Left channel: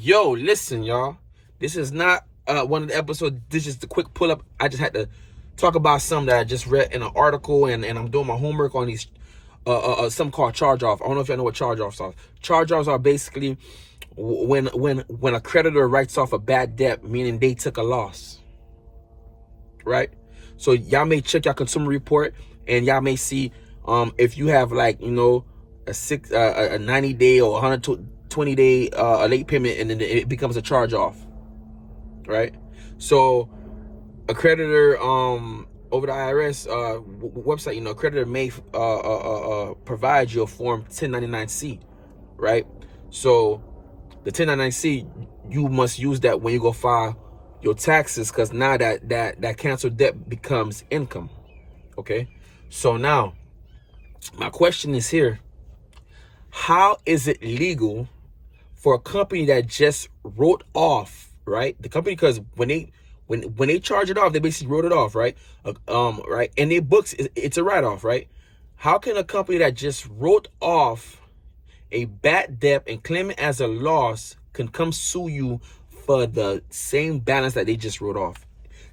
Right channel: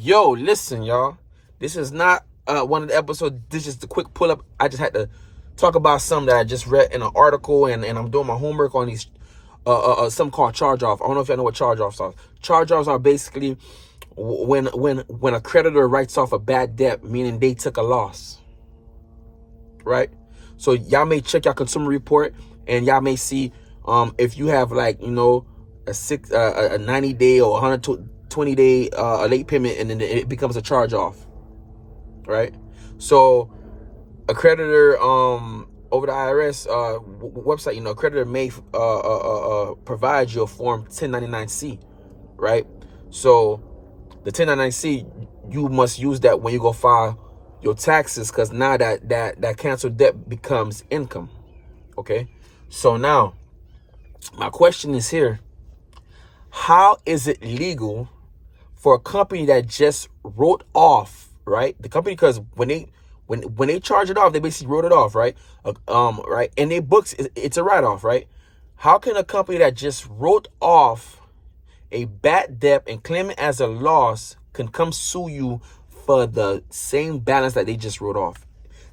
Yo, listen, y'all. This is not one of the episodes. This is the quick pull up. I just had to talk about something that I just read in an article, and I'm doing my homework on these something called charge off. I don't know if y'all know what charge offs are. Charge offs are basically when a creditor writes off a bad debt, meaning they took a loss, right? So y'all may check your consumer report, and y'all may see if you have a 90-day or 120-day late payment, and then it becomes a charge off, right? So a creditor over the IRS website, a creditor may provide you a form 1099-C, right? So the 1099-C, you must use that when you go file your taxes, because now that canceled debt becomes income. Okay, so now my question is here: how is it legal for a company that just wrote off, right? The company, because when they charge it off, they basically wrote it off, right? Right, in their books, it's a write-off, right? How can a company that just wrote off a bad debt and claim it as a loss can come sue you for the same balance that they just wrote off?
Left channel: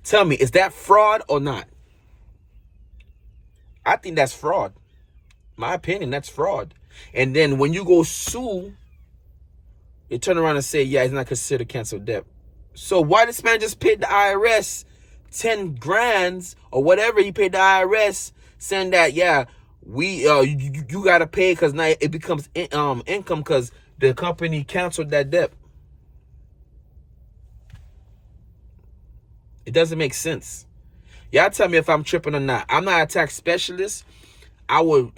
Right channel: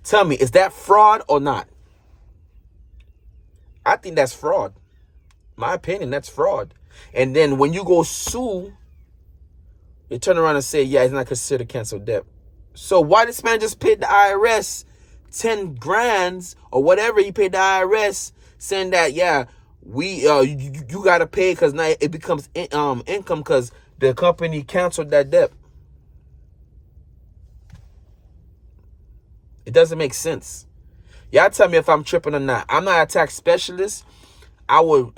Tell me, is that fraud or not? I think that's fraud. My opinion, that's fraud. And then when you go sue, they turn around and say, yeah, it's not considered canceled debt. So why this man just paid the IRS 10 grand or whatever he paid the IRS, saying that, yeah, we you got to pay, because now it becomes income because the company canceled that debt? It doesn't make sense. Y'all tell me if I'm tripping or not. I'm not a tax specialist. I'm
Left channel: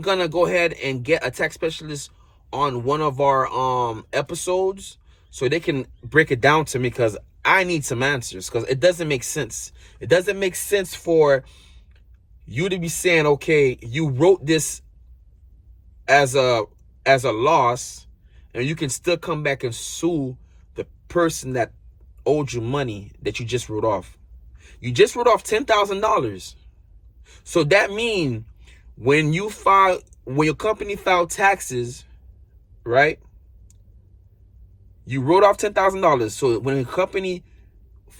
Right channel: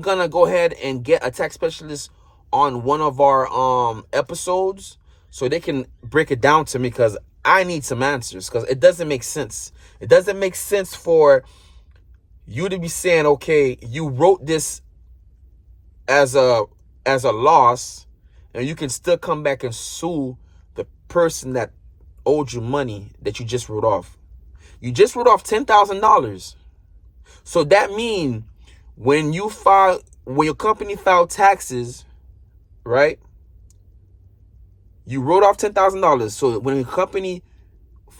gonna go ahead and get a tax specialist on one of our episodes so they can break it down to me, because I need some answers, because it doesn't make sense. It doesn't make sense for you to be saying, okay, you wrote this as a loss, and you can still come back and sue the person that owed you money that you just wrote off. You just wrote off $10,000. So that means when your company filed taxes, right? You wrote off $10,000. So when a company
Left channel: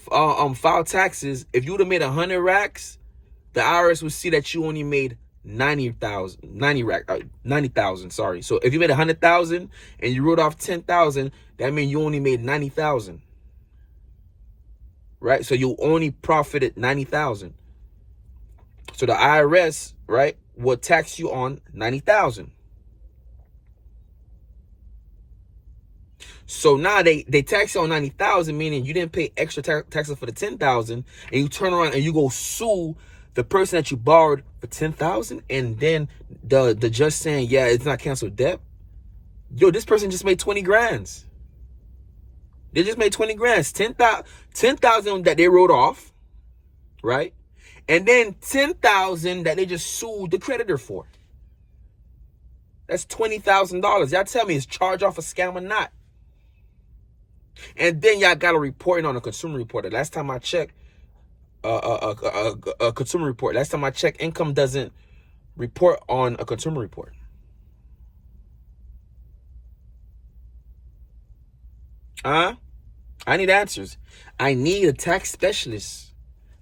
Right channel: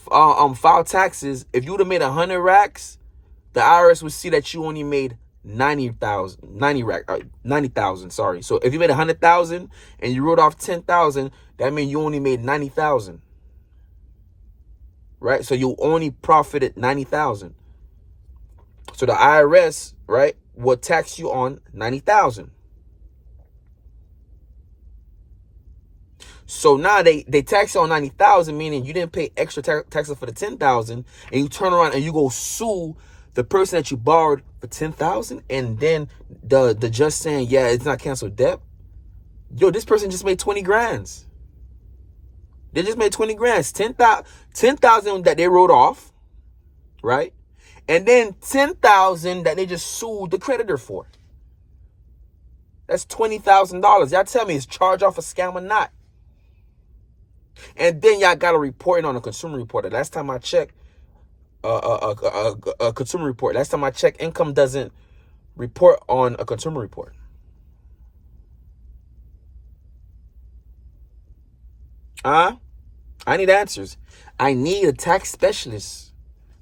filed taxes, if you would have made 100 racks, the IRS would see that you only made 90,000. Sorry. So if you made 100,000 and you wrote off 10,000, that means you only made 90,000. Right? So you only profited 90,000. So the IRS, right, will tax you on 90,000. So now they tax you on 90,000, meaning you didn't pay extra taxes for the 10,000, and you turn around and you go sue the person that you borrowed for 10,000, and then the judge saying, yeah, it's not canceled debt. Yo, this person just made 20 grand. They just made 20 grand. 10,000 that they wrote off, right? And then 10,000 that they just sued the creditor for. That's $20,000. Y'all tell me, is charge off a scam or not? And then y'all got a reporting on a consumer report. The last time I checked, a consumer report. Last time I checked, income doesn't report on a consumer report. I need answers. I need a tax specialist.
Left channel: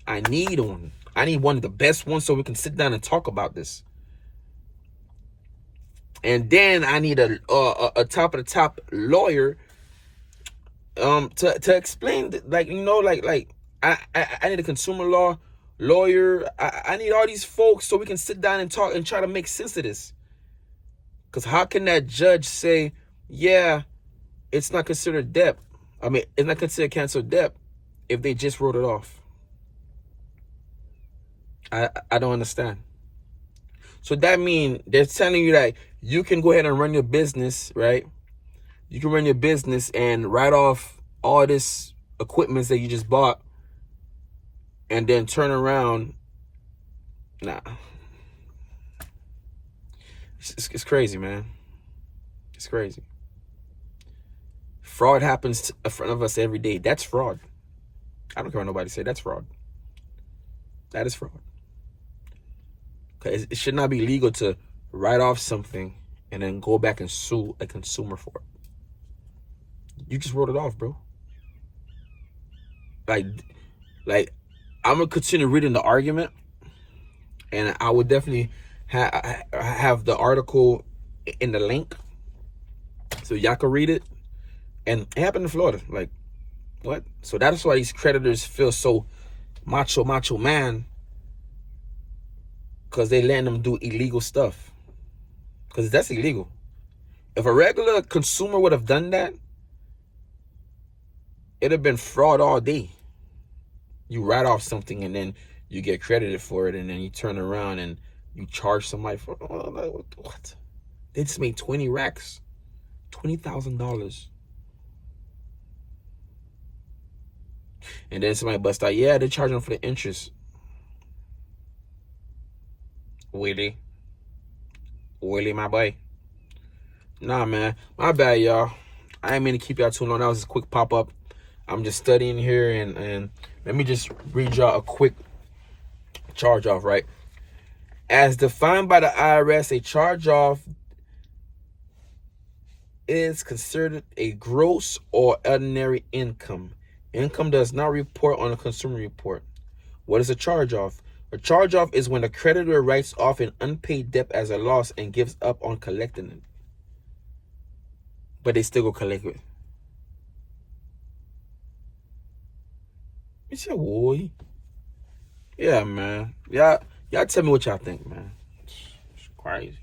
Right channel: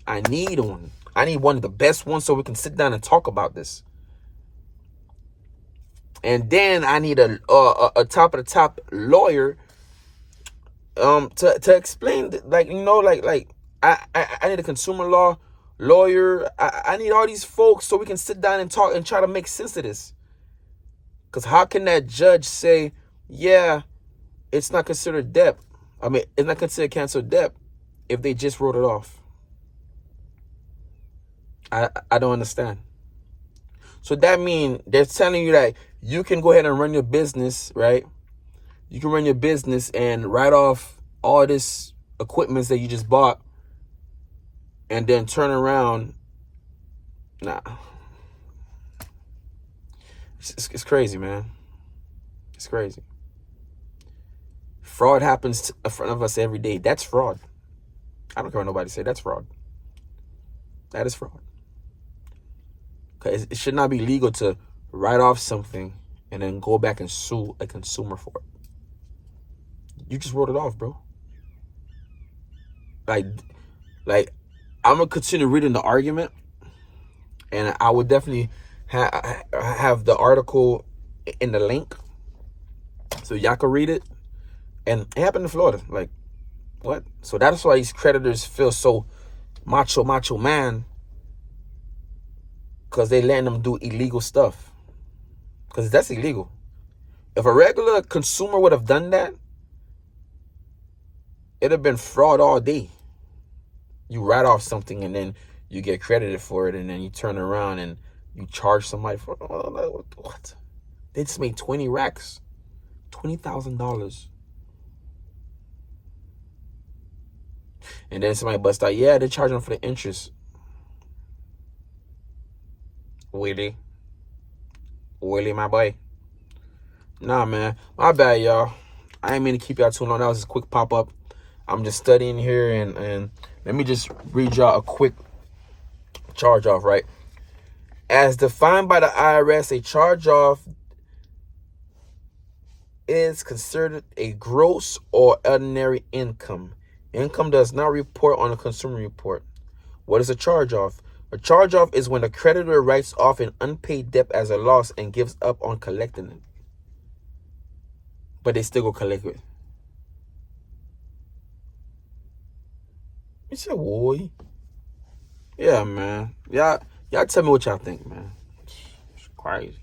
I need one. I need one of the best ones so we can sit down and talk about this. And then I need a top of the top lawyer to explain, I need a consumer law lawyer. I need all these folks so we can sit down and talk and try to make sense of this. Because how can that judge say, yeah, it's not considered debt? I mean, it's not considered canceled debt if they just wrote it off. I don't understand. So that means they're telling you that you can go ahead and run your business, right? You can run your business and write off all this equipment that you just bought, and then turn around. Nah. It's crazy, man. It's crazy. Fraud happens in front of us every day. That's fraud. I don't care what nobody say. That's fraud. That is fraud. It should not be legal to write off something and then go back and sue a consumer for it. you just wrote it off, bro. Like I'm gonna continue reading the argument, and I would definitely have the article in the link so y'all can read it. And it happened in Florida. Like, what? So that's why these creditors feel so macho man, because they letting them do illegal stuff. Because that's illegal. If a regular consumer would have done that, it'd have been fraud all day. You write off something and then you get credited for it, and then you turn around and you charge somebody for what? They just made 20 racks, $20,000. And then somebody busts out, yeah, they're charging for the interest. Willie, my boy. Nah, man. My bad, y'all. I ain't mean to keep y'all too long. That was just a quick pop-up. I'm just studying here, and let me just read y'all a quick charge-off, right? As defined by the IRS, a charge-off is considered a gross or ordinary income. Income does not report on a consumer report. What is a charge-off? A charge-off is when a creditor writes off an unpaid debt as a loss and gives up on collecting it. But they still go collect it. It's your boy. Yeah, man. Y'all tell me what y'all think, man. It's crazy.